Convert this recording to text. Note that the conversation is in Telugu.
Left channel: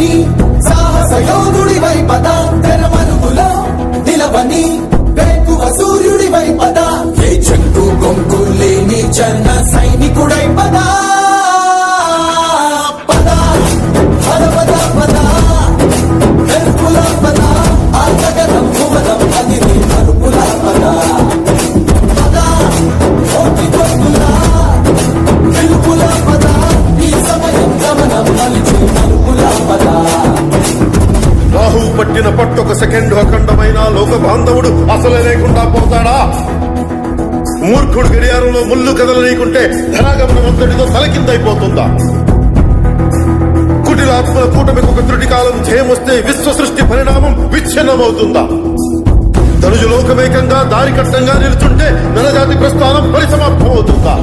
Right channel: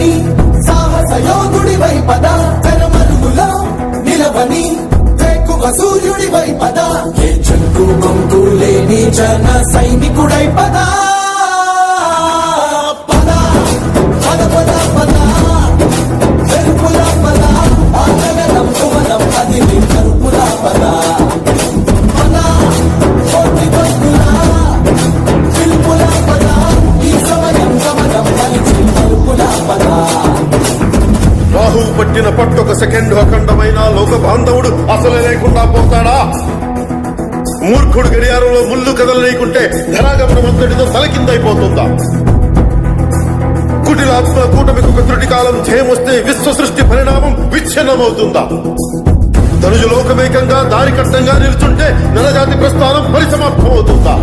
నిలవని సాహస యోధుడివై పద తెరమరుగులో నిలవని వేకువ సూర్యుడివై పద ఏ చెట్టు గొంతు లేని జన సైనికుడై పద పద పద పద పద వెలుపుల పద ఆగగలం కుమరం అది నీ కరుపుల పద పద కోటి భక్తుల వెలుపుల పద ఈ సమయం గమనం అది నీ కరుపుల పద. రాహు పట్టిన పట్టొక సెకండ్ అఖండమైన లోక బాంధవుడు అసలే లేకుండా పోతాడా? మూర్ఖుడు గడియారంలో ముళ్ళు కదలనీయకుంటే ధనాగమనం అంతటితో తలకిందైపోతుందా? కుటిలాత్మల కూటమికి ఒక త్రుటి కాలం జయమొస్తే విశ్వ సృష్టి పరిణామం విచ్ఛిన్నమవుతుందా? ధనుజు లోకమేకంగా దారి కట్టంగా నిలుచుంటే నరజాతి ప్రస్థానం పరిసమాప్తమవుతుందా?